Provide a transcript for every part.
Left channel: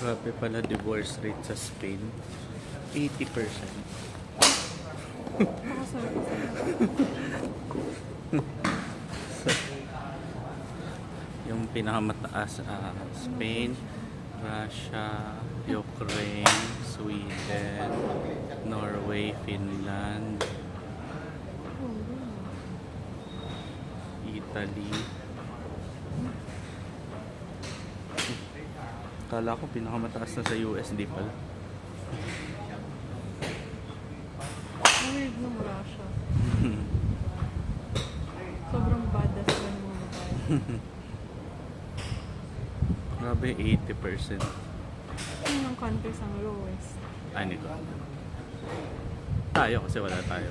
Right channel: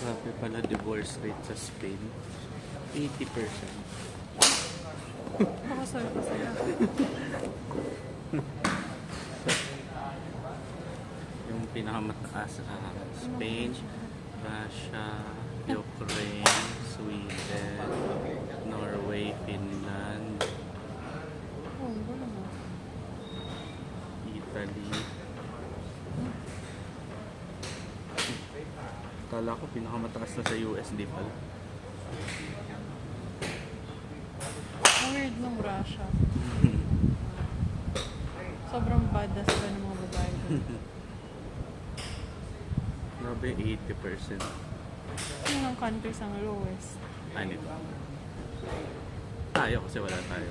Grabe pala divorce rate sa Spain. 80%. Nakasal pa sila. Yung pinakamataas Spain, Russia, Ukraine, Sweden, Norway, Finland, Italy. Kala ko pinakamataas na sa USD pala. Ang weird ng Russia. Sobrang badass ka ng mga babae. Grabe, 80%. Yung mga countries ang lowest. Ay, nito. Tayo kasi wala tayo.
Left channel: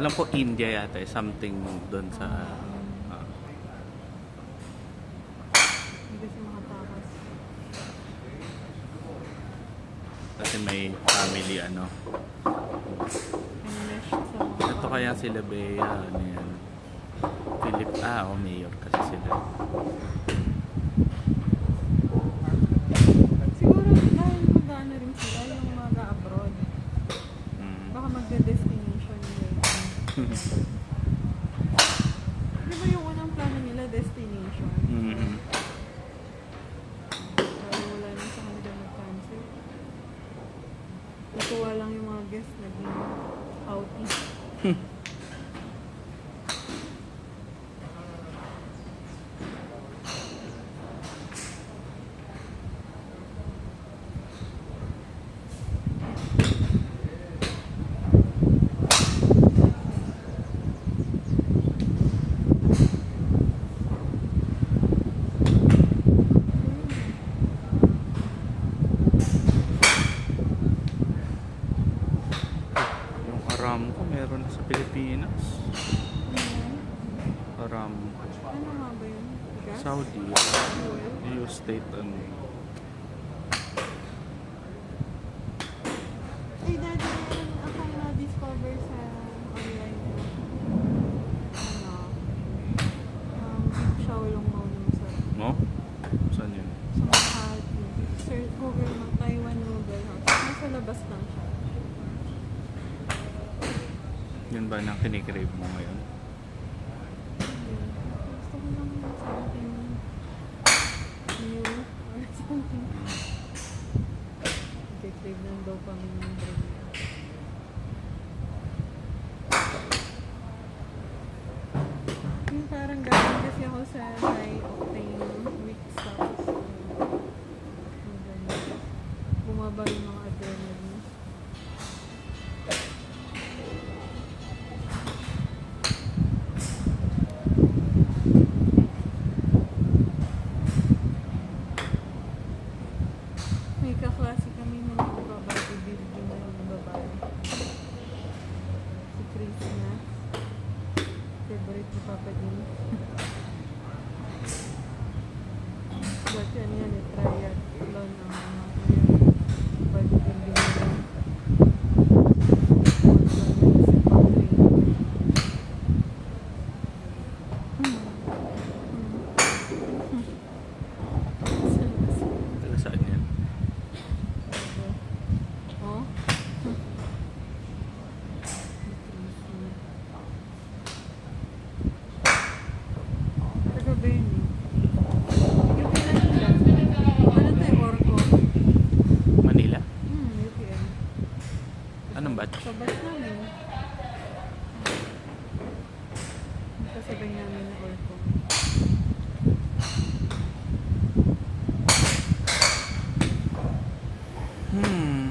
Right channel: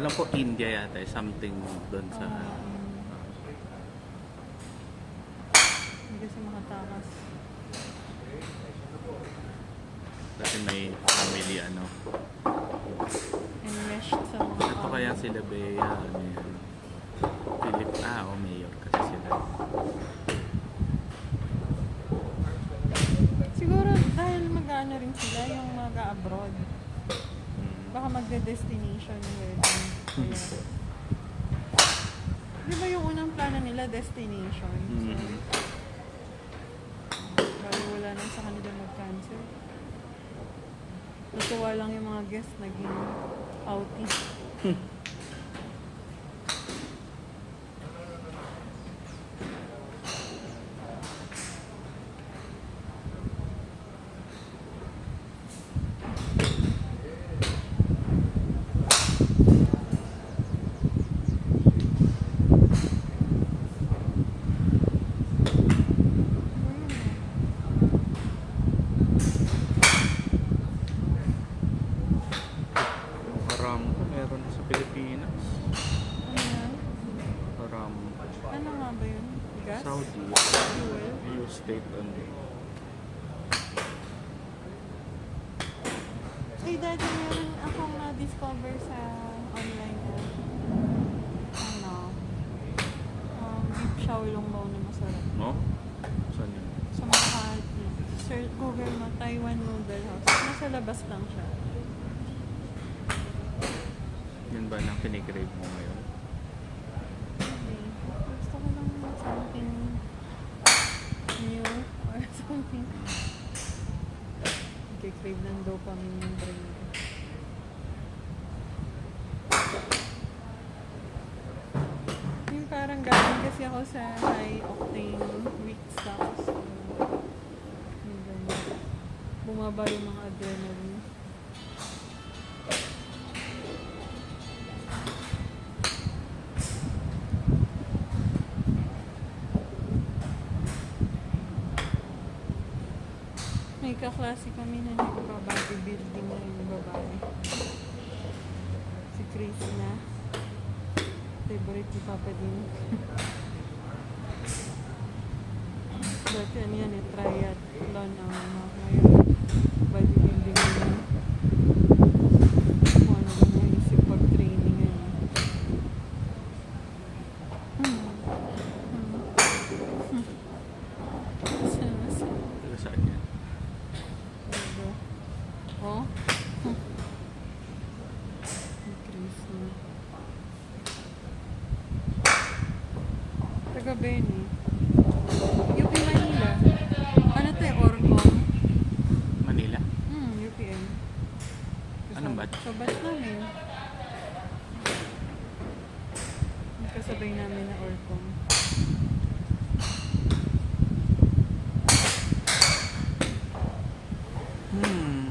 Alam ko India yata eh, something doon sa Hindi kasi makatakas. kasi may family ano. Enmeshed sa mga Ito kaya sila Bea, ano yun. Philip, o mayor kasi sila. Siguro dahil mag-ano rin sila yung mag-abroad. Baka magde-destination yung wedding. Di ba yung unang plano nila, destination? Lalo wala lang sa kanila nag-cancel. Natuwa lang yung mga guests naging outie. Yung Aramco meron sa Pilipinas. Aramco. Ano nga ba yun? Gas? Saudi. New state ano. Ay, dati meron akong na-discover sa online ko. Ano? Beef xiaolongbao na masarap. No? Saan yun? Sa Makati. Search Google mo, Taiwan Noodle House. Nasa labas lang siya. Yun ba na kinikrave mo ngayon? Hindi. Gusto ko lang something new or something. Nagkikrave ng dopamine yung brain ko. Yung parang galing kasi ako sa high octane weak stocks. Bumaba yung mga adrenaline. May kaklase kami na nagpa-bodybuilding na yung babae. Si Chris na. Favorite ni Papa din. Dati ano yan eh, triathlon ang bodybuilding na yun. Yung training na yun. Taga saan yan? Oh? Chris na. Taga Benny. UP Manila. Ano to eh, Orco? Manila? UPM. Anong batch? So, batch namin. Kasabay namin na Orco.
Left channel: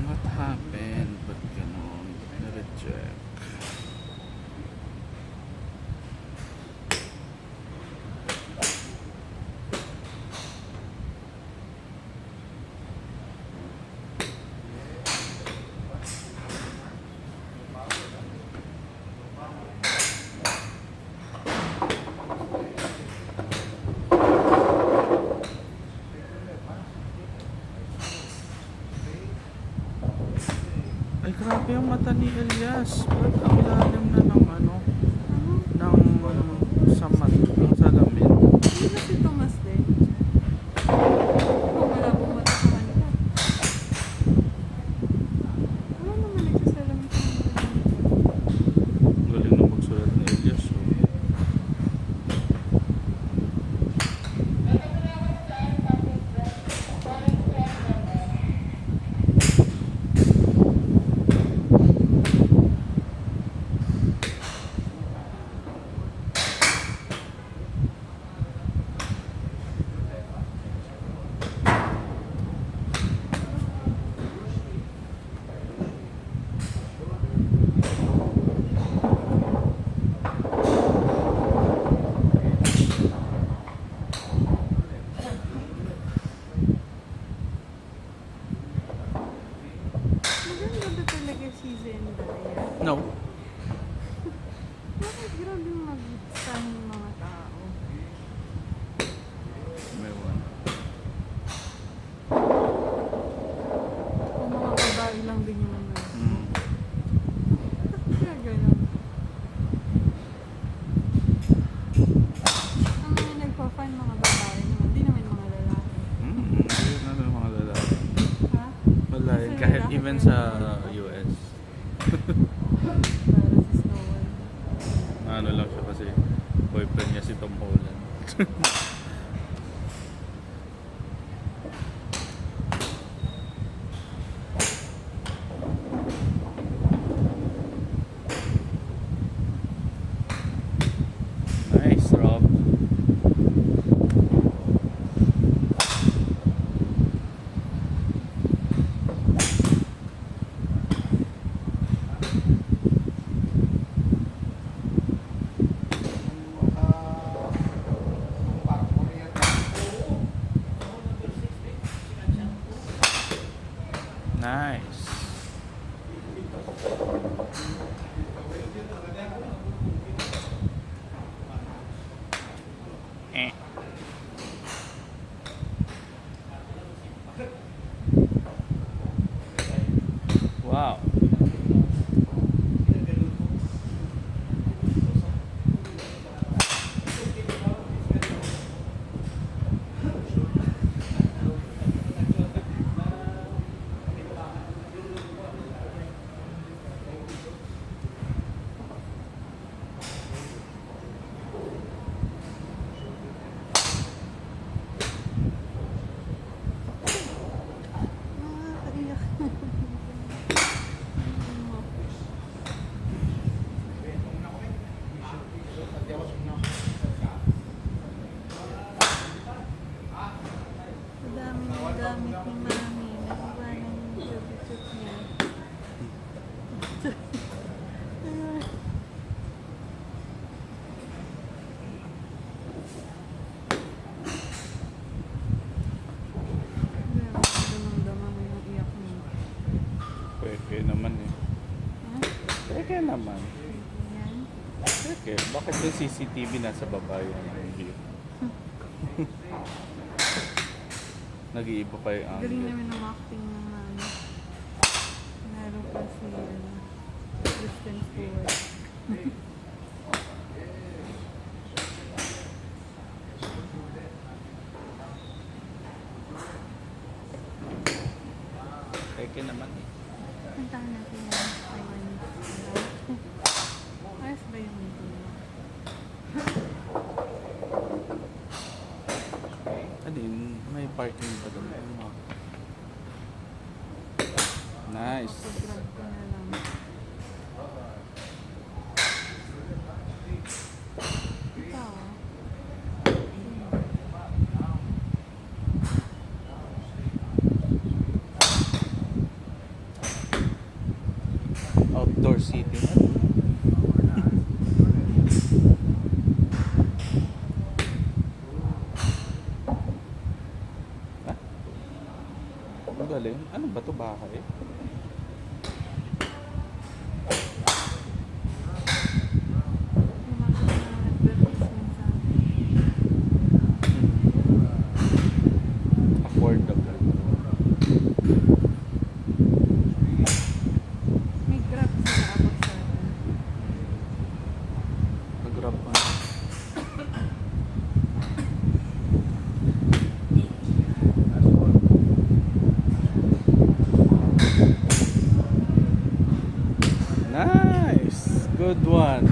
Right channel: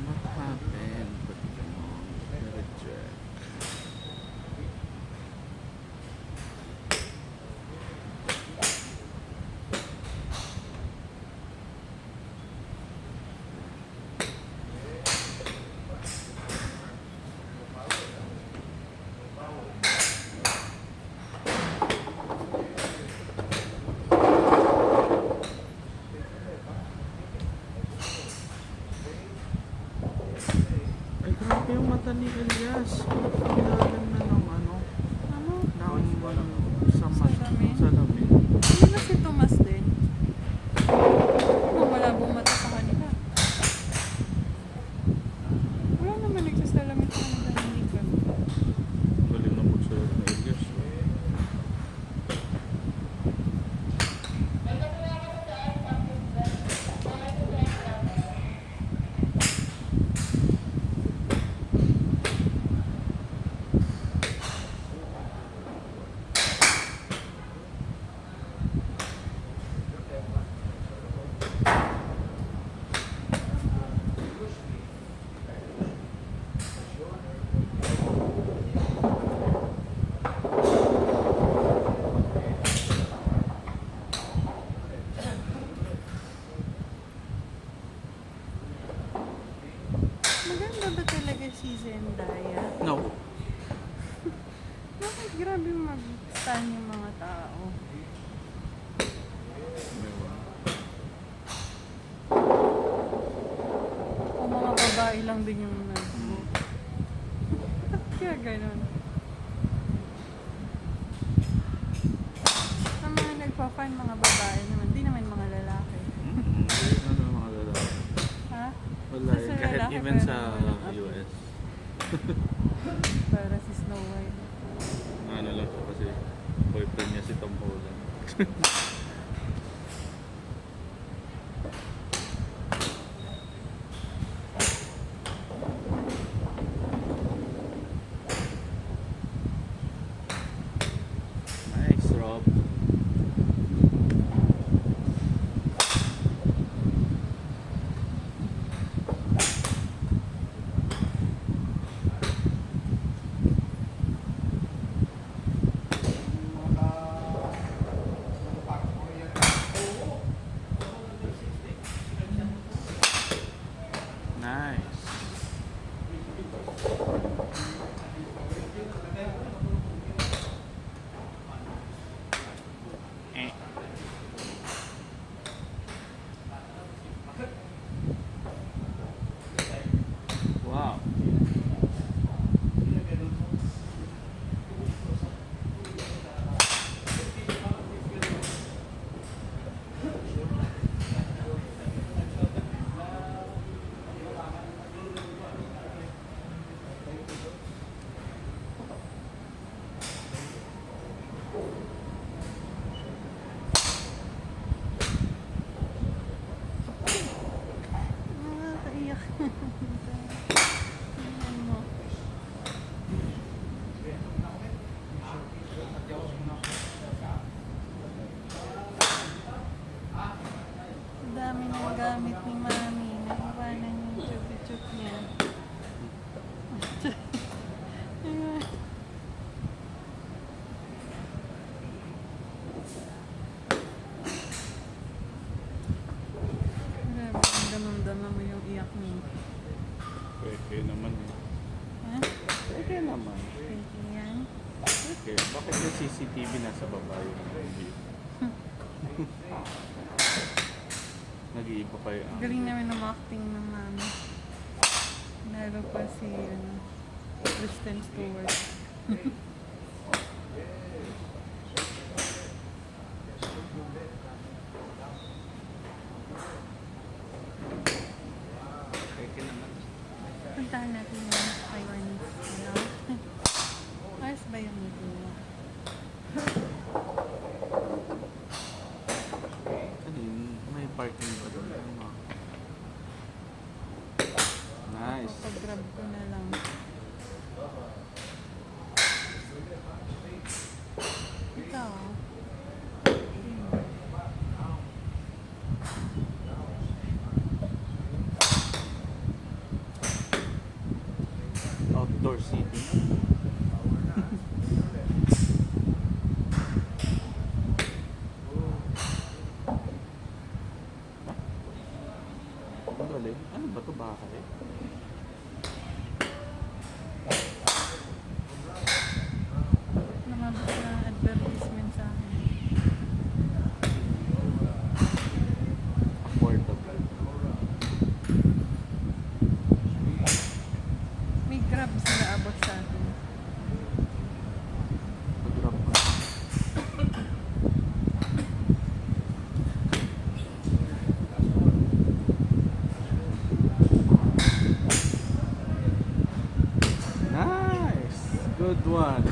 What happened? Ba't ganon? Na-reject. Grabe yung mata ni Elias. Kailangan na ng ano, ng sa mata. saan yung mga tao. Ewan. O mga babae lang din yung Mm. Ba't kaya ganun? Ang mga nagpa-fan mga babae naman, di naman mga lalaki. Ayun na yung mga lalaki. Ha? Wala Kasi yun. Kahit lalaki even pa sa rin. US. Para si Snow White. Ano lang siya kasi boyfriend niya si Tom Holland. Nice, Rob. Nice. Eh. Wow. Nakakaiyak. Ang dami ng gamit ni Mami. Naiwanan yung chup-chup niya. Damang-damang mo yung iyak mo. Pwede naman eh. Ha? Pwede naman. Yan. Okay, bakit yung CCTV nasa baba yung video? Nag-iiba pa yung Galing angle. namin ng acting ng Mami. Lalo pa si Kristen Stewart. Pwede naman. Puntahan natin yung Taiwanese. Ayos ba yung meeting niya? Ano yun? May parking pa doon. Nice. Pag-grab ko na lang. Ikaw. Outdoor seating. Ha? Ang galing. Ano ba ito? Bahay? Lumabas na advertisement sa amin. Affordable. May grab sila abot sa atin. Mag-grab ka. Nice! Good one.